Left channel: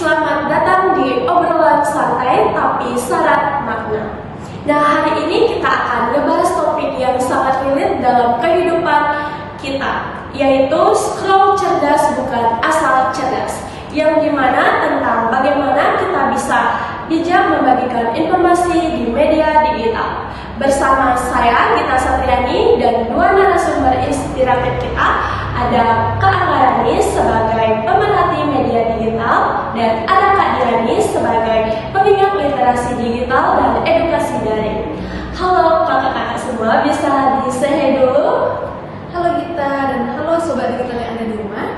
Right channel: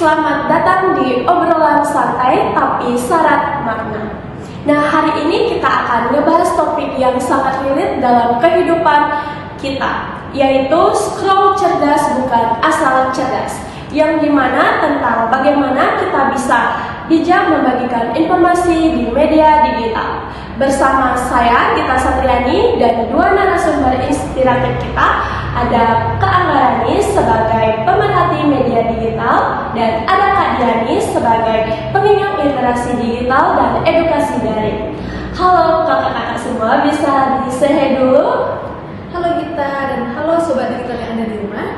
Selamat datang di obrolan santai tapi syarat makna. Nah, hari ini kita akan ngebahas topik yang sangat relate dalam kehidupan kita, yaitu scroll cerdas bukan asal cerdas, yang dimana tentang bagaimana kita bisa bijak membagikan informasi di media digital. Bersama saya, Gita Satriani, dan dua narasumber inspiratif kita, ada Kak Anggarani sebagai pemerhati media digital, dan ada Kak Diani sebagai pengingat literasi digital dan edukasi daring. Halo kakak-kakak semua, bisa di-say dulu? Halo Gita, dan halo sobat digital yang ada di rumah.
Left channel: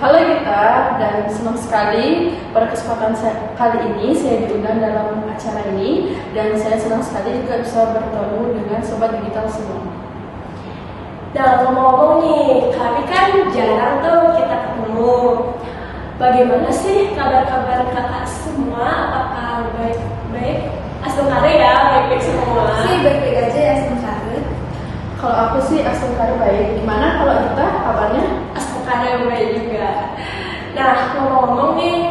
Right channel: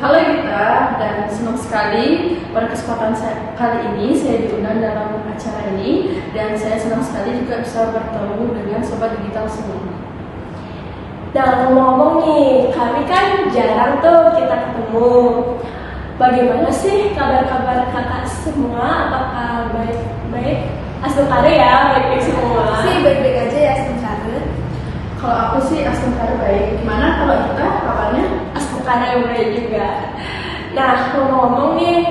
Halo Gita, dan senang sekali pada kesempatan kali ini saya diundang dalam acara ini, dan saya senang sekali juga bisa bertemu dengan sobat digital semua. Nah, ngomong-ngomong nih, kami kan jarang tuh kita ketemu. Bagaimana sih kabar-kabar kakak semua? Apakah baik-baik? Asungkare ya, baik-baik semua. Sih baik-baik aja ya, Asungkare. Kalau aku sih Asungkare baik. Gimana kalau kita kabarnya? Asungkare baik juga. Nah, ngomong-ngomong nih,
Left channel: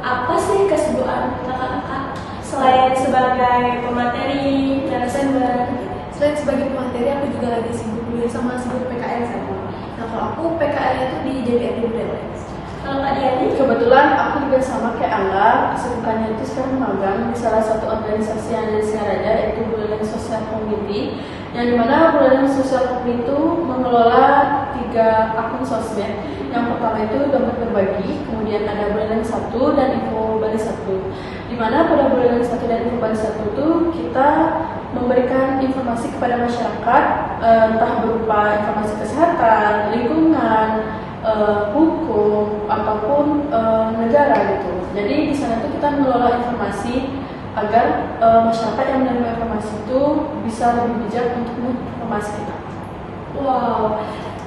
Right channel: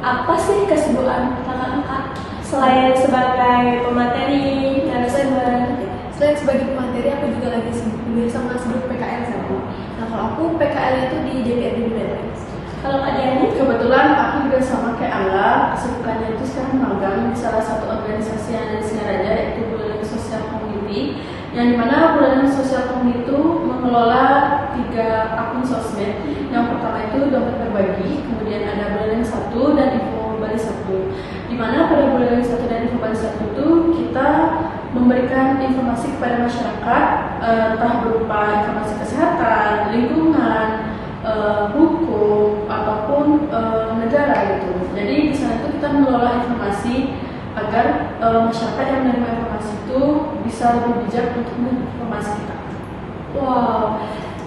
apa sih kesibukan kakak-kakak selain sebagai pemateri, narasumber? Selain sebagai pemateri, aku juga lagi sibuk sama PKL sama. Nah, kalau aku PKL itu di DPRD Buleleng. Kalau Kak Diani? Kebetulan aku juga sama kayak Angga, kesibukannya itu sekarang magang di salah satu organisasi yang ada di Singaraja, yaitu Buleleng Social Community, yang dimana Buleleng Social Community itu mengelola 3 akun sosmed. Yang pertama itu Dompet Berbagi, kemudian ada Buleleng 1 dan Info Bali 1. Dimana pada Buleleng 1 dan Info Bali 1 itu kita memberikan informasi kepada masyarakat, entah berupa informasi kesehatan, lingkungan, hukum, ataupun negara gitu. Jadi di sana itu kita mengelola informasi agar masyarakat yang menerima informasi itu bisa lebih bijak untuk menginformasi kita. Wow,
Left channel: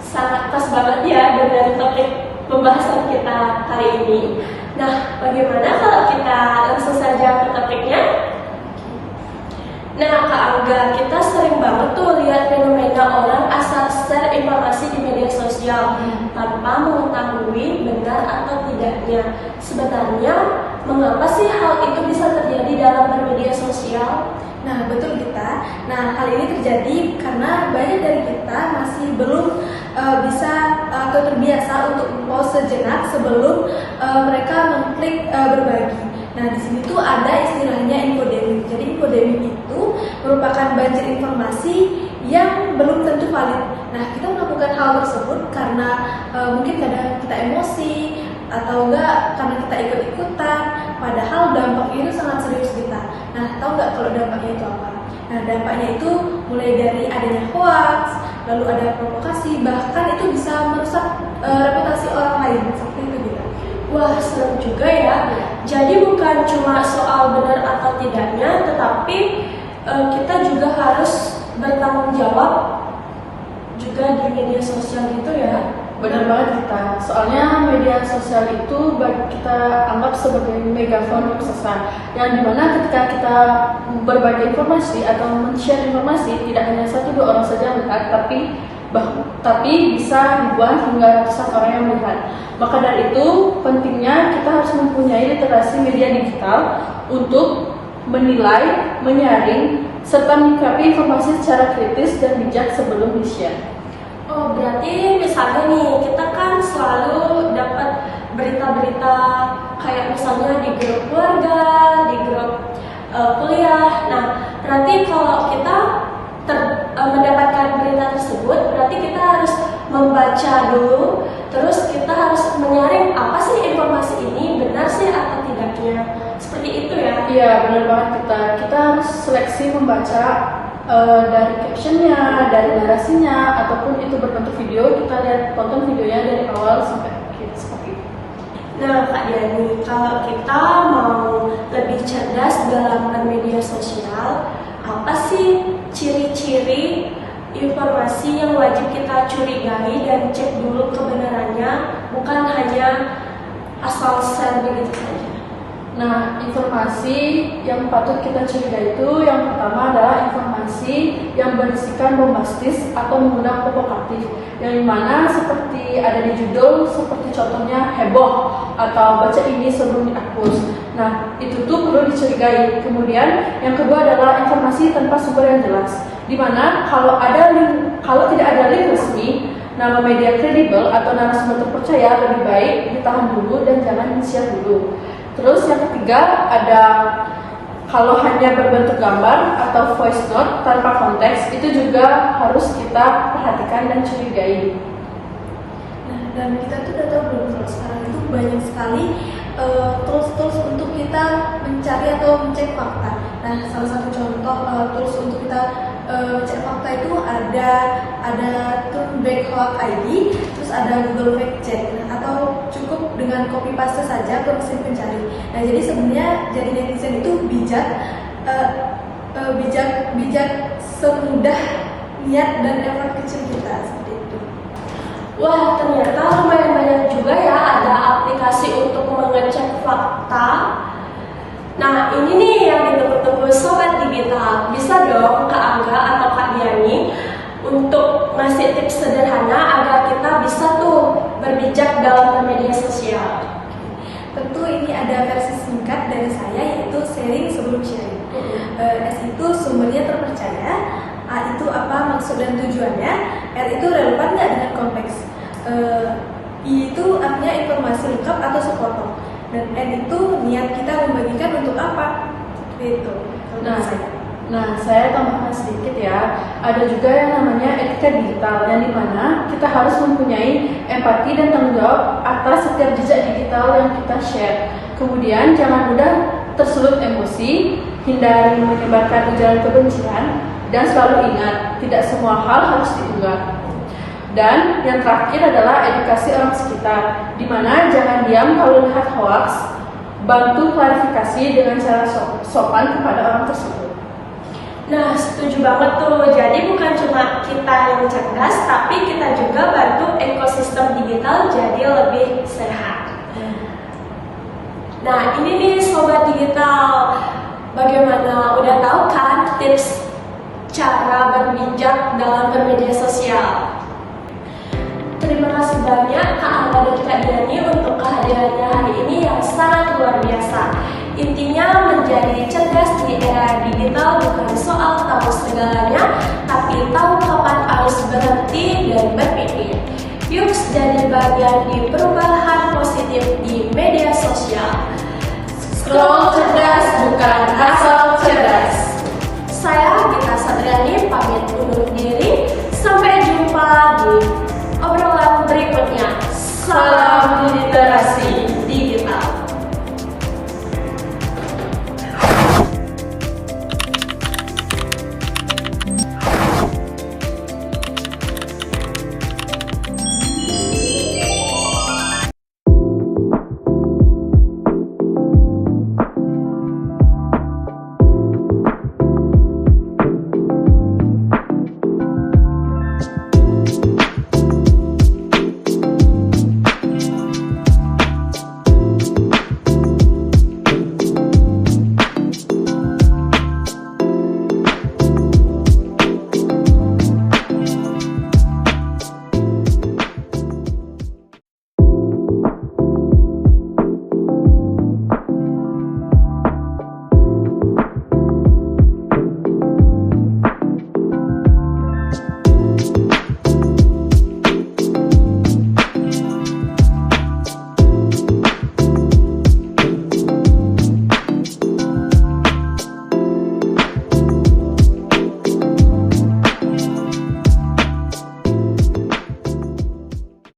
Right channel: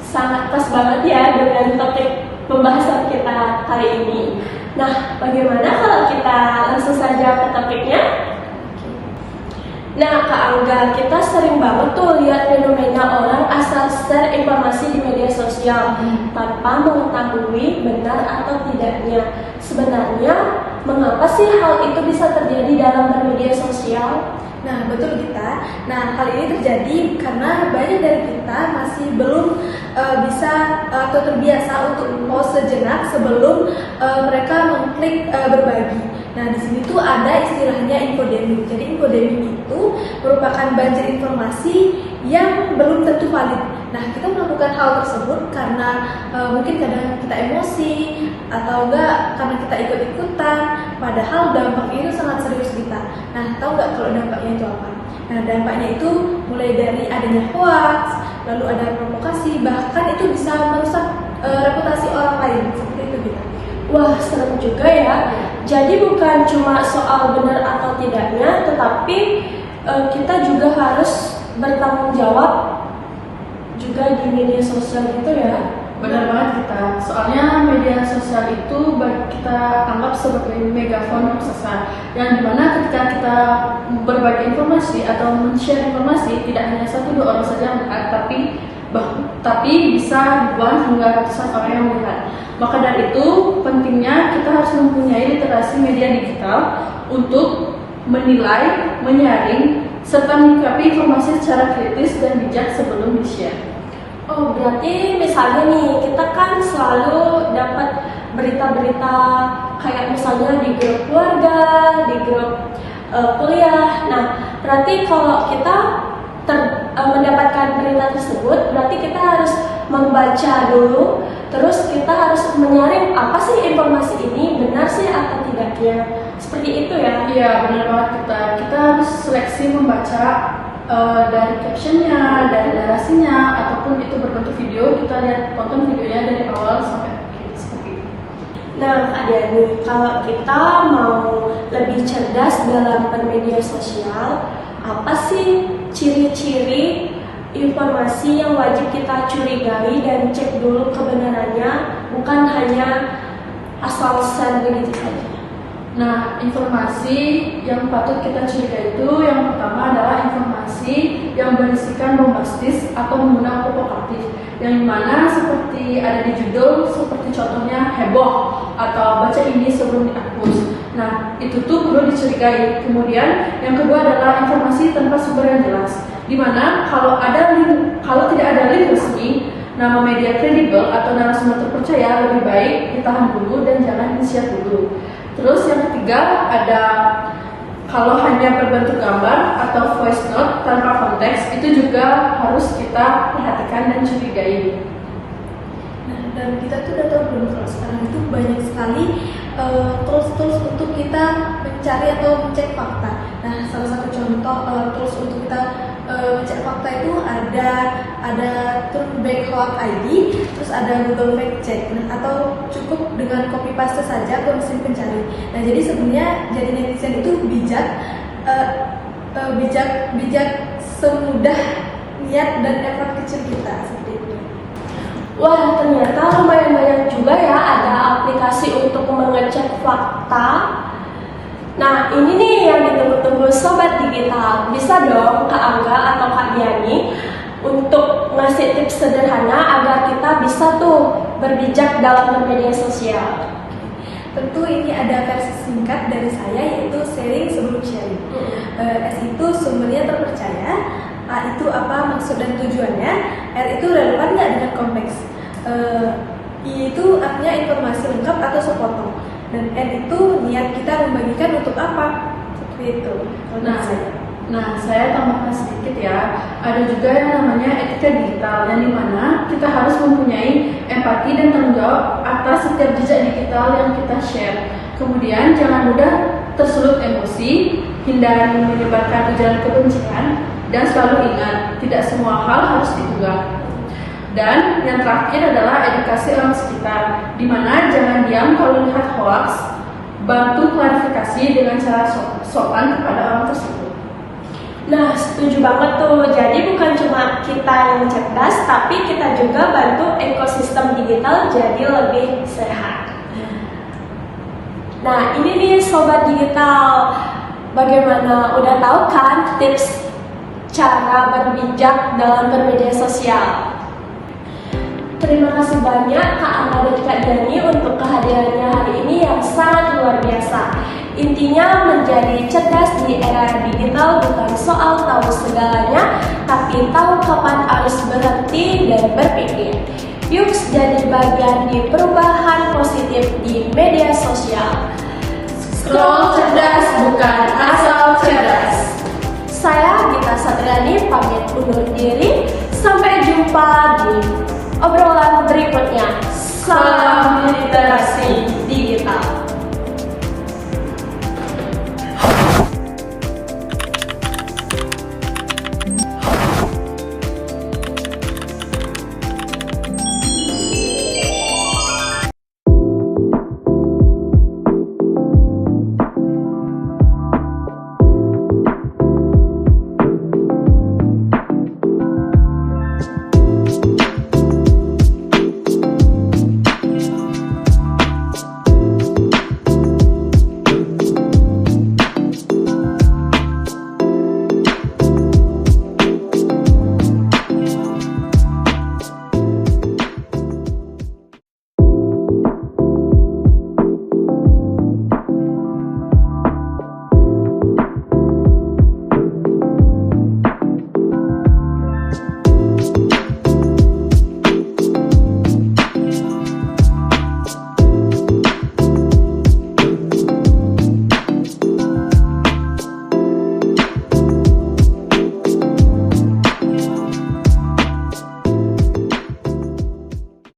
sangat pas banget ya dengan topik pembahasan kita hari ini. Nah, bagaimana kalau kita langsung saja ke topiknya? Nah, Kak Angga, kita sering banget tuh lihat fenomena orang asal share informasi di media sosial tanpa mengetahui benar atau tidaknya. Sebenarnya, mengapa sih hal itu bisa terjadi dalam bermedia sosial? Nah, betul Gita. Nah, hal ini terjadi karena banyak dari kita masih belum bisa atau terbiasa untuk pause sejenak sebelum mereka mengklik berbagi. Nah, di sini tuh ada istilahnya infodeming. Jadi infodeming itu merupakan banjir informasi yang belum tentu valid. Nah, kita melakukan hal tersebut karena mungkin kadang kita emosi atau enggak karena kita ikut-ikutan, padahal dampaknya itu sangat serius kita. Nah, tahu nggak kalau dampaknya itu apa? Nah, dampaknya itu mulai dari adanya hoax, lalu ada provokasi, bahkan itu bisa merusak reputasi orang lain, seperti itu kita. Wah, serem juga ya. Jadi bukan cuma soal benar atau tidaknya, tetapi kita juga harus bertanggung jawab juga di media sosial gitu ya. Benar banget kita. Soalnya media sosial itu kita anggap sebagai megafon sesat, yang dimana ketika kita berbagi informasi atau men-share informasi, tidak hanya 1-2 orang saja yang melihat, tapi bisa ribuan hingga ratusan orang yang melihat. Maka dari itu pentingnya kita harus mempunyai literasi media digital untuk menilai, menyaring, serta menyikapi informasi secara kritis dan bijak sebelum di-share. Oh, berarti misalnya nih, kita kan selalu dapat berita-berita kayak misalnya di grup keluarga, di grup kuliah. Nah, berarti kalau kita mendapatkan berita tersebut, berarti kita harus membaca dulu terus kita harus menyaring apa sih informasi ini benar sih atau tidaknya. Seperti itu ya. Iya, benar banget kita harus seleksi membaca dari captionnya, dari narasinya, ataupun itu berbentuk video, kita lihat tonton videonya dari awal sampai akhir seperti itu. Nah, Kak Diani, kalau kita mau lebih cerdas dalam bermedia sosial, apa sih ciri-ciri informasi yang wajib kita curigai dan cek dulu kebenarannya, bukan hanya asal-asalan begitu saja? Nah, informasi yang patut kita curigai itu yang pertama adalah informasi yang berisikan bombastis atau mengundang provokatif, yang dimana seperti ada di judul, seperti contohnya heboh atau baca ini sebelum dihapus. Nah, itu tuh perlu dicurigai. Kemudian yang kedua adalah informasi tanpa sumber yang jelas, dimana kalau tidak ada link resmi, nama media kredibel atau narasumber terpercaya lebih baik ditahan dulu dan jangan di-share dulu. Terus yang ketiga ada kalau hanya berbentuk gambar atau voice note tanpa konteks, itu juga harus kita perhatikan dan curigai. Nah, dan kita tuh udah tahu belum kalau sekarang itu banyak sekali tools untuk kita mencari atau mencek fakta. Nah, salah satu contoh tools untuk kita cek fakta itu ada Truthback.id, terus ada Google Fact Check. Nah, atau cukup dengan copy paste saja ke mesin pencari. Nah, jadi sebenarnya jadi netizen itu bijak semudah niat dan effort kecil kita seperti itu. Wah, ternyata lumayan banyak juga ya ada aplikasi untuk mengecek fakta. Nah, ini nih yang ditunggu-tunggu Sobat Digital. Bisa dong Kak Angga atau Kak Diani untuk ngasih tips sederhana agar kita bisa tuh berbijak dalam bermedia sosial. Tentu ini ada versi singkat dari saya, yaitu sharing sebelum sharing. S itu sumbernya terpercaya, A itu apa maksud dan tujuannya, R itu relevan nggak dengan konteks, I itu artinya informasi lengkap atau sepotong, dan N itu niat kita membagikan untuk apa, seperti itu. Nah, saya tambahkan sedikit ya. Ada juga yang namanya etika digital, yang dimana kita harus mempunyai empati dan tanggung jawab atas setiap jejak digital yang kita share. Kemudian jangan mudah tersulut emosi, hindari menyebarkan ujaran kebencian, dan selalu ingat tidak semua hal harus diunggah. Dan yang terakhir adalah edukasi orang sekitar, dimana jangan diam kalau lihat hoax, bantu klarifikasi dengan cara sopan kepada orang tersebut. Nah, setuju banget tuh. Jadi bukan cuma kita yang cerdas, tapi kita juga bantu ekosistem digital jadi lebih sehat. Nah, ini nih Sobat Digital, bagaimana? Udah tahu kan tips cara berbijak dalam bermedia sosial? Terima kasih banyak Kak Angga dan Kak Diani untuk kehadirannya hari ini yang sangat luar biasa. Intinya menjadi cerdas di era digital bukan soal tahu segalanya, tapi tahu kapan harus berhenti dan berpikir. Yuk jadi bagian di perubahan positif di media sosial. Scroll cerdas bukan asal cerdas. Saya Gita Satriani pamit undur diri. Sampai jumpa di obrolan berikutnya. Salam literasi.